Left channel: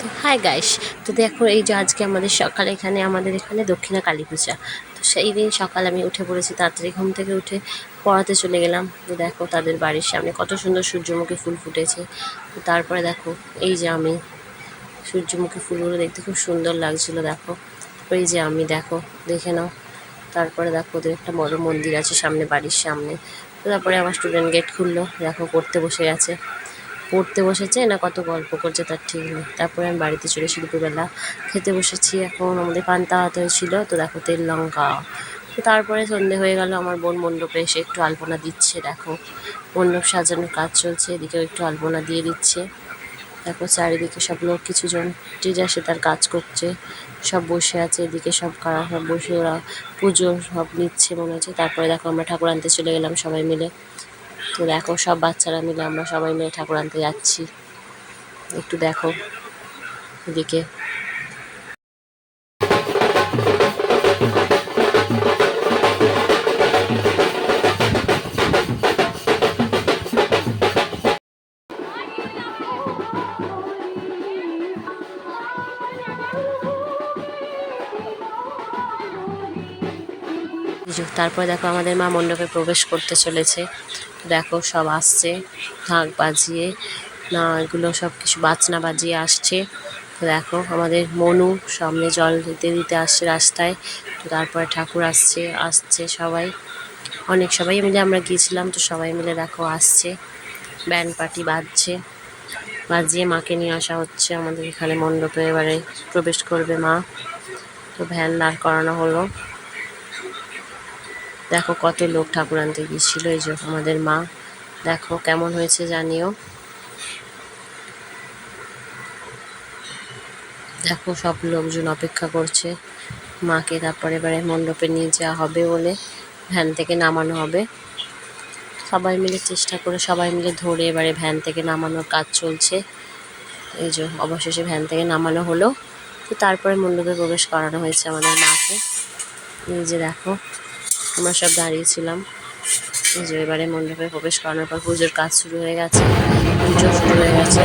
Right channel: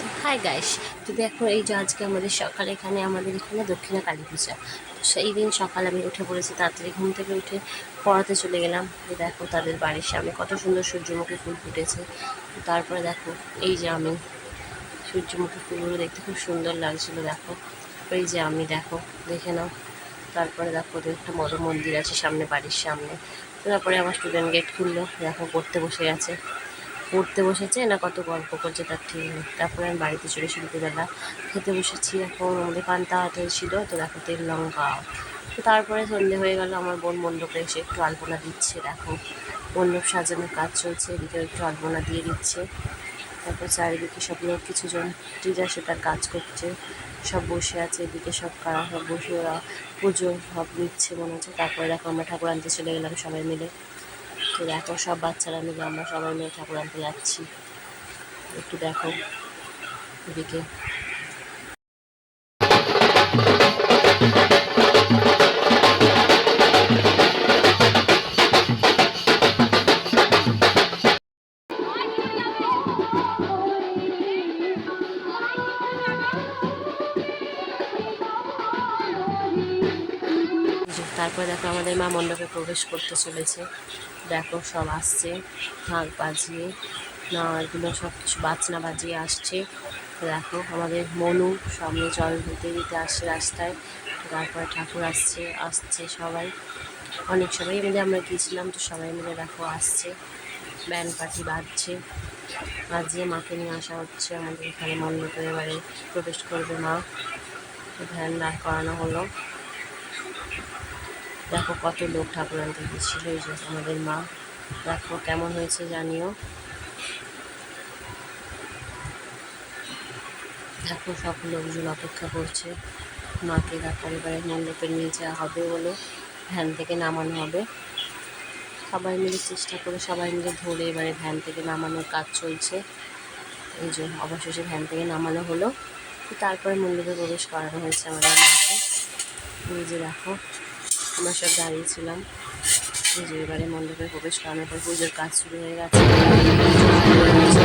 তো hi guys, তো দেখো এই যে আজকে আমাদের এখানে দক্ষিণা কালী পূজা। তো সেই দিন সকাল আমি উঠে পড়েছি, তাড়াতাড়ি ঘুম থেকে উঠে পড়াতে চলে গেলাম। তো দেখো তাদের বাড়ির সামনে কত সুন্দর সূর্যমুখী ফুল ফুটেছে। তো তারপরে দেখো এই যে আমি সূর্যমুখী ফুলগুলো দেখতে খুব সুন্দর লাগছিল। দেখো ওই যে আমি দেখো দেখে নাও। তারপরে দেখো ওদের একটা বড় মন্দির আছে সামনে, বাড়ির সামনে। তো তারপরে আমার স্টুডেন্ট গেট খুললো, দেখো পড়তে বসেছে না কত গল্প করছে তার ঠিক নেই। তারপরে আমি বাড়িতে চলে এসে দুপুরবেলা খেতে বসেছি। এখন আমাদের পান্তা ভাত হয়েছিল, তো দেখো তেল লঙ্কা। তো তারপরে সন্ধে হয়ে গেল, আমার বোন মণ্ডপে এসে একটু আলপনা দিচ্ছে। দেখো মণ্ডপ সাজানোর কাজ চলছে, এদিকেও একটু আলপনা দিয়ে দিচ্ছে। দেখো চারিদিকে সব লোক, কিছু জন টিচার সে তার কাজ করছে, সব বসে আছে এদিকে, সব কারা সব বসে ওরা পুজো সব নিচ্ছে মনে হচ্ছে। তারপরে দেখো আমরা ঠাকুর আনতে চলে গেলাম সবাই মিলে। তো দেখো সব বাচ্চারা মিলে আমরা সবাই মিলে ঠাকুর আনতে যাচ্ছি। একটু দেখো এদিকে। তারপরে দেখো আমাদের মা মণ্ডপে প্রবেশ করতে চলেছে। দেখো সব আসছে ঢাক বাজিয়ে, না এগুলো সব কিছু বাজনা বাজিয়ে আসছে। তো দেখো আমাদের মনু সামনে জল দিতে দিতে আসছে রাস্তায়। তো তারপরে ঠাকুর আসছে সবাই, সবাই মিলে আমরা গিয়েছিলাম। তো সবাই মিলে দেখো আসছে, ব্যান্ড পার্টি বাজিয়ে মাকে নিয়ে আসা হচ্ছে আমাদের এখানে মণ্ডপে। এবারে প্রবেশ করবে মা। তো ভ্যান দাঁড় করানো হলো। দেখো কত লোক ঠাকুর আনতে গিয়েছিল। এই যে আমাদের মা, দেখো কেমন হয়েছে জানিও। দেখো সব লোকজন অপেক্ষা করছে মাকে, তারপরে এবারে মণ্ডপে নিয়ে যাওয়া হবে বলে ভ্যান থেকে নামানো হবে। সবাই মিলে চেষ্টা করে সবাই মিলে ধরে এবারে ভ্যান থেকে নামানোর কাজ চলছে। এই যে অবশেষে ভ্যান থেকে নামানো হলো। তো তারপরে মণ্ডপে প্রবেশ করানো হয়েছে আমাদের মাকে। এই যে দেখো আমরা সব দাঁড়িয়েছিলাম। এই যে এবারে মণ্ডপে প্রবেশ করানোর পর পুজোর কাজ শুরু হয়ে গেছে, পুজো শুরু হয়ে গেছে।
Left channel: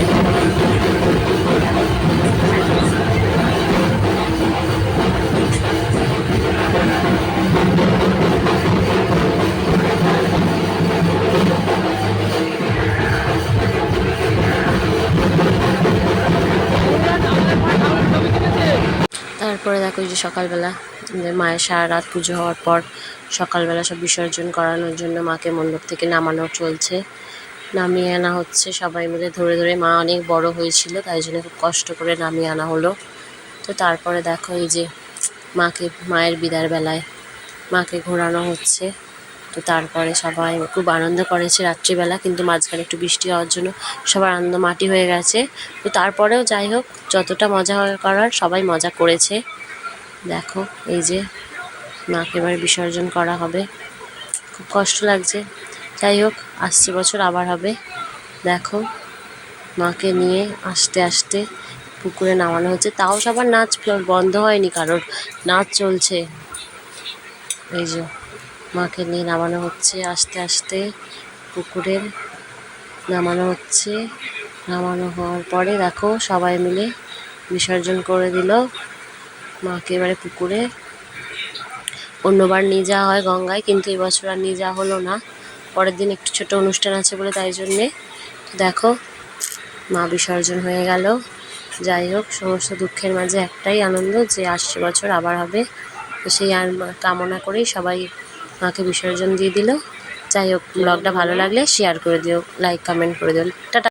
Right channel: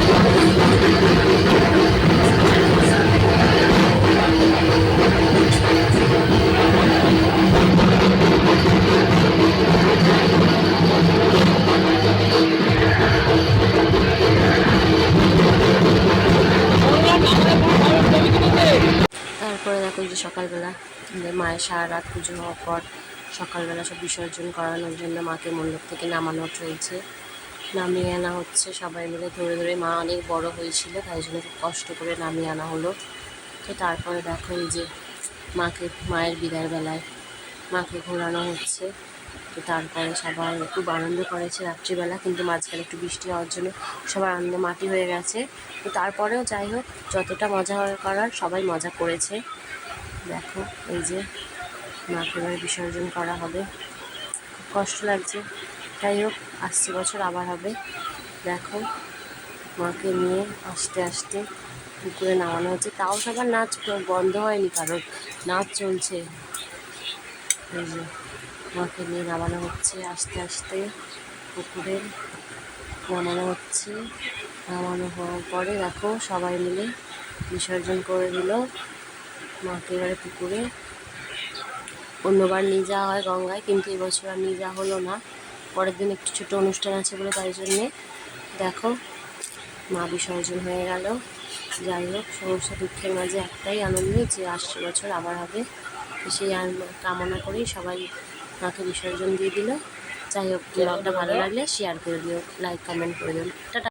তারপরে দেখো এই যে সকালবেলা মায়ের সারা রাত পুজো হওয়ার পর সকালবেলা সব বিসর্জন করানোর জন্য মাকে মণ্ডপ থেকে নামানো চলছে, নামিয়ে আনা হচ্ছে সবাই মিলে ধরে ধরে। মা অনেক বড় হয়েছিল, তাই জন্য খুব কষ্ট করে নামিয়ে আনা হলো। তো তারপরে দেখো এই যে মায়ের বিদায়ের বেলায় মাকে ঘোরানো হচ্ছে। তো তারপরে সবাই খুব আনন্দ করেছে রাত্রিবেলা, কিন্তু মাঝখানে একটু বৃষ্টি হওয়ার জন্য সবার আনন্দ মাটি হয়ে গেছে। তো তারপরেও যাই হোক, যতটা মজা করার সবাই মজা করেছে। দেখো এই যে মাকে এবার বিসর্জন করা হবে, খুব কষ্ট লাগছে। যাই হোক, আসছে বছর আবার হবে। দেখো মাকে নিয়ে আস্তে আস্তে পুকুরে নামানো হচ্ছে, তাও সবার নাচ বন্ধ হয়নি, কারোর নাচ চলছে। এই যে মাকে নিয়ে নামানো হচ্ছে আস্তে আস্তে পুকুরে, নামানো হচ্ছে। নামানো হওয়ার পরে দেখো সবাই মিলে বিসর্জন করে দিল মাকে এবারে পুকুরে। অন্যবার নিয়ে যাওয়া হয় গঙ্গায়, কিন্তু এবছর আর নিয়ে যাওয়া হলো না। পরের দিন একটু ছোট অনুষ্ঠান আছে বলে তাই জন্যে দেখো মা বিসর্জন হয়ে গেল। যাই হোক, সমস্ত দুঃখের মাঝে একটাই আনন্দ যে আসছে বছর আবার হবে। তো সেই কামনা করেই সবাই মাকে বিসর্জন দিয়ে দিল। যাই হোক, ব্লগটা ভালো লাগলে শেয়ার করে দিও, লাইক কমেন্ট করে দিও। টাটা।